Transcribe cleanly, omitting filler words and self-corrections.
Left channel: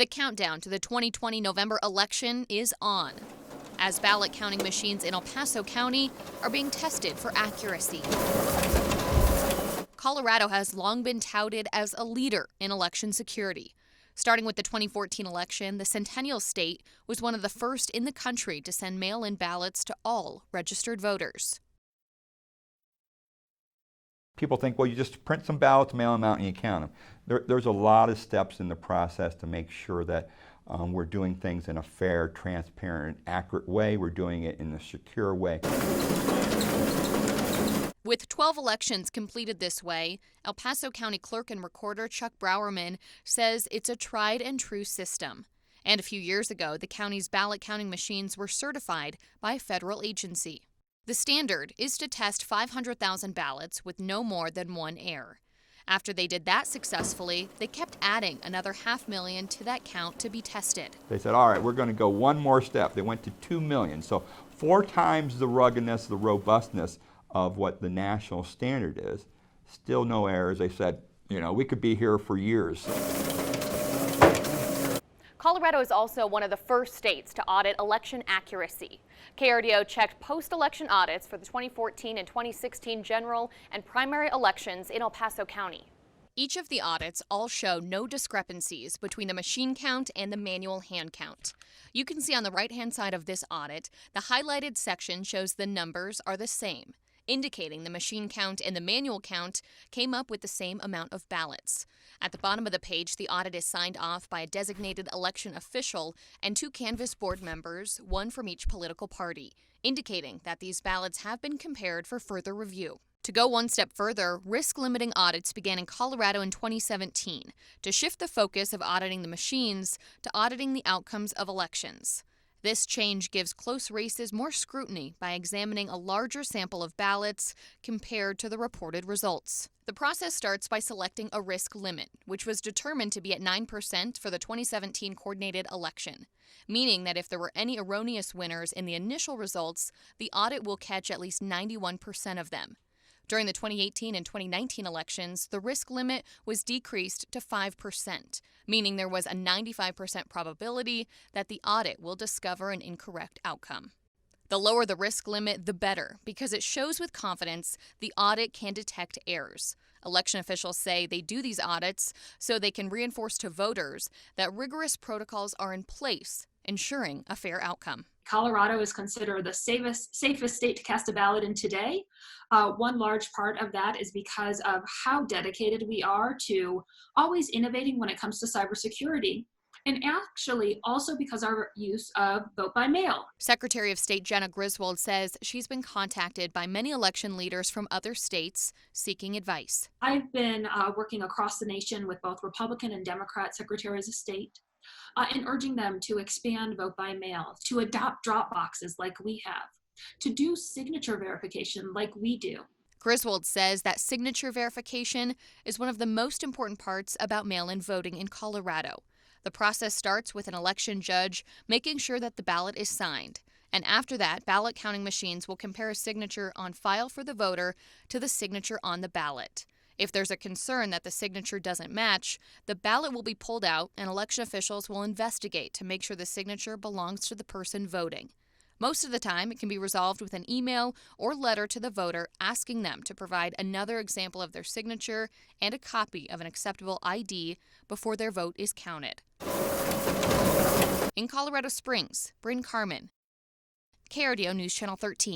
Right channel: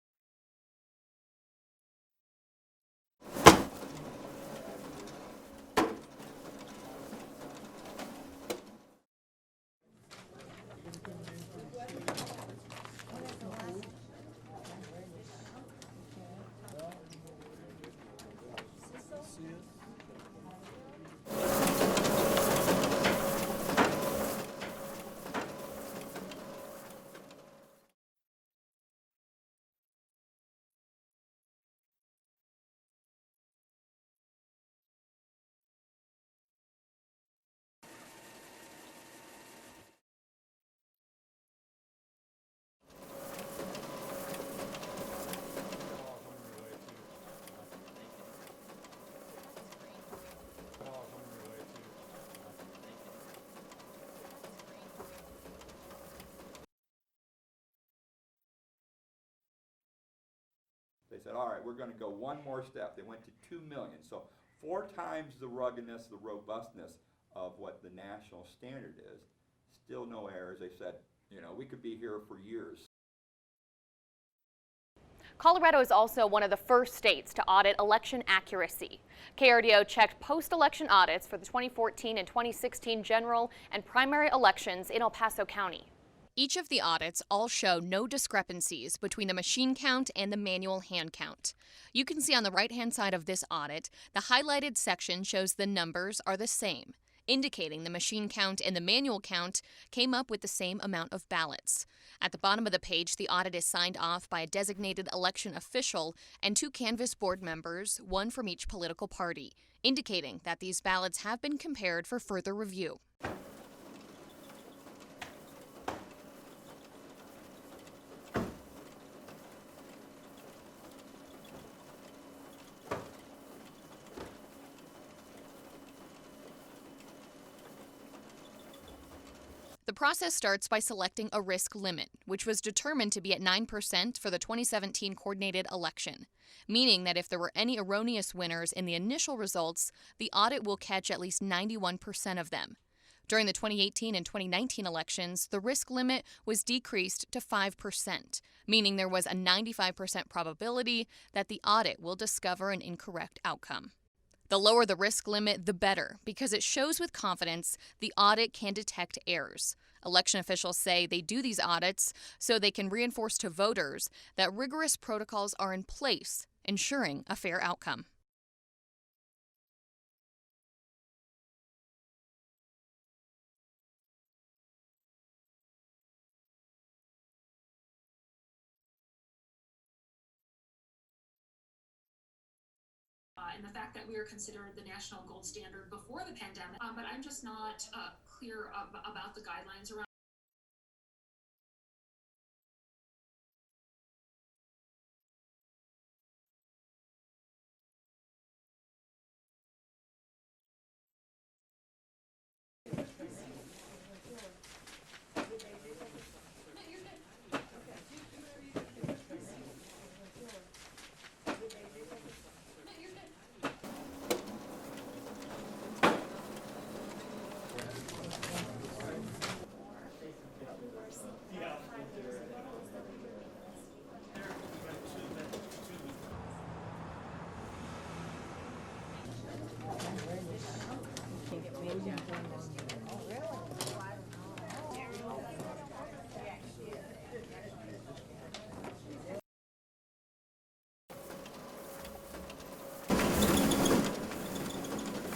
The countdown to the 2020 November election is on, as ballot counting machines in El Paso County are being tested for accuracy. Colorado has long been touted as a leader in election security. Starting with the 2014 election, the Centennial State was one of the first in the country to send mail-in ballots to all registered voters. People think, well, you just print some ballots, mail them out, and you count them. There's a lot of steps in the process to make sure that we're doing things in a fair, transparent, accurate way. We're doing it in a secure way. With 12 elections completed this way, El Paso County Clerk and Recorder Chuck Browerman says it's a tried and true system. And a few years ago, the county's ballot counting machines were certified by a federal agency. The standard is to test 500,000 ballots with no more than one error. After they did that successfully, they kept adding another 500,000 to that count to be tested. They said, all right, we're going to go one more step. They went to 2 million. So 4 times the ruggedness, the robustness of what the national standard is. Still no errors. They said, you know, we could be here for years. Colorado is also one of the first states to audit election accuracy. KRDO checked post-election audits for the 2014 and 2016 general and primary elections in El Paso County. Each of the audits all show no discrepancies between the machine count and the manual hand count. You can see on the right-hand side of this audit, the highlighted section shows the numbers are the same, indicating the machine count and the manual count came up with the same amount of ballots. At the bottom of the page, the audit is signed off by a designated election official and 2 canvass board members, one from each political party, indicating that these ballots have been compared for further review. To go one step further, risk-limiting audits began in Colorado in 2017 to shift the focus of auditing the machines to auditing the outcomes of elections. This change gives close races more scrutiny by examining a larger sample of ballots compared to the reported results. The process starts by selecting a risk limit, which was determined to be at 9% for the 2017 coordinated election, meaning that if there were any erroneous winners in the initial results, the audit will catch at least 91% of them. During the 2018 and 2019 elections, the risk limit was decreased to 5%, meaning there was a 95% probability that the audit will discover an incorrect outcome. The lower the risk limit, the better, because it shows with confidence the audit can detect errors. Election officials say they do these audits so they can reinforce to voters that rigorous protocols are in place, ensuring a fair outcome. Colorado is considered the safest state to cast a ballot in today. One large part of that is because of how dedicated we are to always innovating when it comes to cybersecurity, and actually also because of our use of vote by mail. Secretary of State Jenna Griswold says she's been contacted by many election leaders from other states seeking advice. I've been working across the nation with both Republican and Democrat secretaries of state and urging them to expand vote by mail, to adopt drop boxes like we have, to do signature verification like we do. Griswold says that signature verification is one of the most important parts about mail-in voting in Colorado. The process starts with an election judge making sure that the ballot is signed. And after that, ballot counting machines will compare a signature on file for the voter to the signature on the ballot. If there's a concern that the signature doesn't match, the ballot will be pulled out and election officials will investigate to make sure the signature belongs to the person voting. Most of the time, it can be resolved with an email or letter to the voter asking them to provide another example of their signature and a copy of an acceptable ID before their vote is counted. In Colorado Springs, Bryn Carmen, KRDO News Channel 13.